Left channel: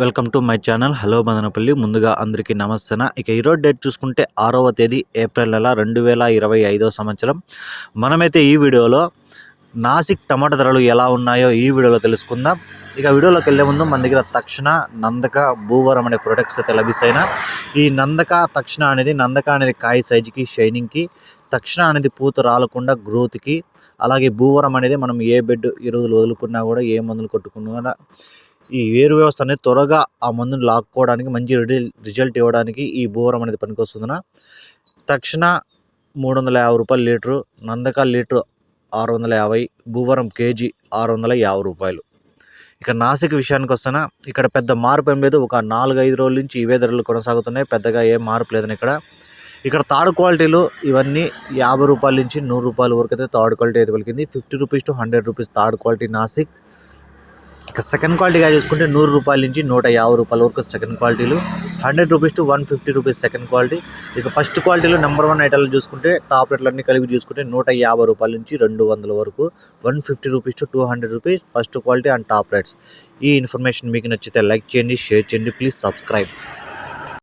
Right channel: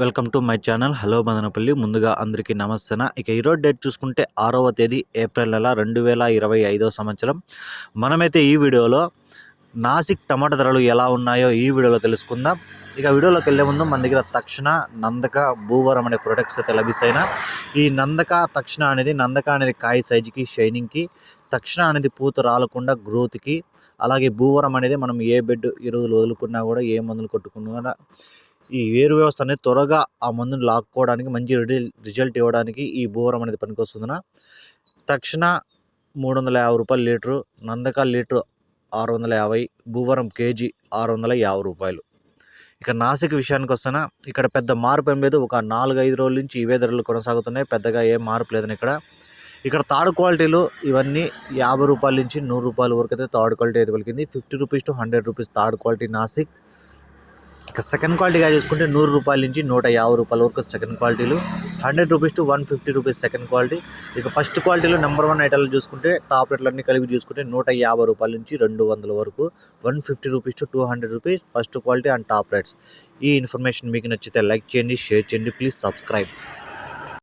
Welcome to my channel. Hello Madanapalle. ముందుగా అందరికీ నమస్తే ఇక ఈరోజు డేట్ చూసుకుంటే ఆరవ తేదీ ఏప్రిల్ నెల రెండు వేల ఇరవై ఐదో సంవత్సరం. మనమైతే ఈ వీడియోలో నాసిక్ టమాటా ధరలు ఎలా ఉన్నాయో ఈ వీడియోలో తెలుసుకుందాం. ఇక వీడియోలోకి వెళ్ళే ముందు మన దగ్గర తక్షణ నందక భూవరం అనే ప్రొడక్ట్స్ అయితే లభిస్తాయినా. ఈ నందక తక్షణ అనేది నందక అనేది కాయ సైజుకి షైనింగ్కి తక్షణ అనేది పూత రాలకుండా గ్రోత్కి అలాగే భూవరం అనేది మనం ఏ బెడ్ ఎరువులు వదులుకున్నా కూడా ఏ మందులు కొట్టుకున్నా ఈ వేరు వ్యవస్థ అనేది త్వరగా ఆ మందుని లాక్కోవడానికి మంచి రిజల్ట్ ఇవ్వడానికి ఈ భూవరం అనేది పనికొస్తుందన. తక్షణ మూడు వందల యాభై రూపాయలు లీటరు నందక లీటరు ఆరు వందల యాభై భూవరం కేజీ ఆరు వందల యాభై రూపాయలు. ఇక నాసిక్ విషయానికి వస్తానా ఇక్కడ పెద్ద మార్పు ఏం లేదు. ఒక నాలుగు ఐదు రోజుల నుంచి ఇవే ధరలు కొనసాగుతున్నాయి. పెద్దగా ఏం మార్పు లేదని ఇక్కడ. ఇక్కడ థర్డ్ క్వాలిటీలు ఇవన్నీ యాభై రూపాయల నుంచి నూరు రూపాయల వరకు అయితే థర్డ్ క్వాలిటీ అయితే పలికింది. Fifty rupees to hundred rupees third quality Nashik. ఇక సెకండ్ క్వాలిటీగా చూసుకుంటే నూరు రూపాయల నుంచి నూట యాభై రూపాయల వరకు సెకండ్ క్వాలిటీలు hundred rupees to one fifty rupees second quality ఇక ఫస్ట్ క్వాలిటీలో నెంబర్ వన్ ఐటాలు చూసుకుంటే టాప్ రేట్లన్నీ కలిపి చూసుకుంటే నూట యాభై రూపాయల నుంచి రెండు వందల వరకు one fifty rupees to two hundred rupees first quality and top rates ఈ ఇన్ఫర్మేషన్ మీకు నచ్చితే లైక్ చేయండి షేర్ చేయండి ప్లీజ్ సబ్స్క్రైబ్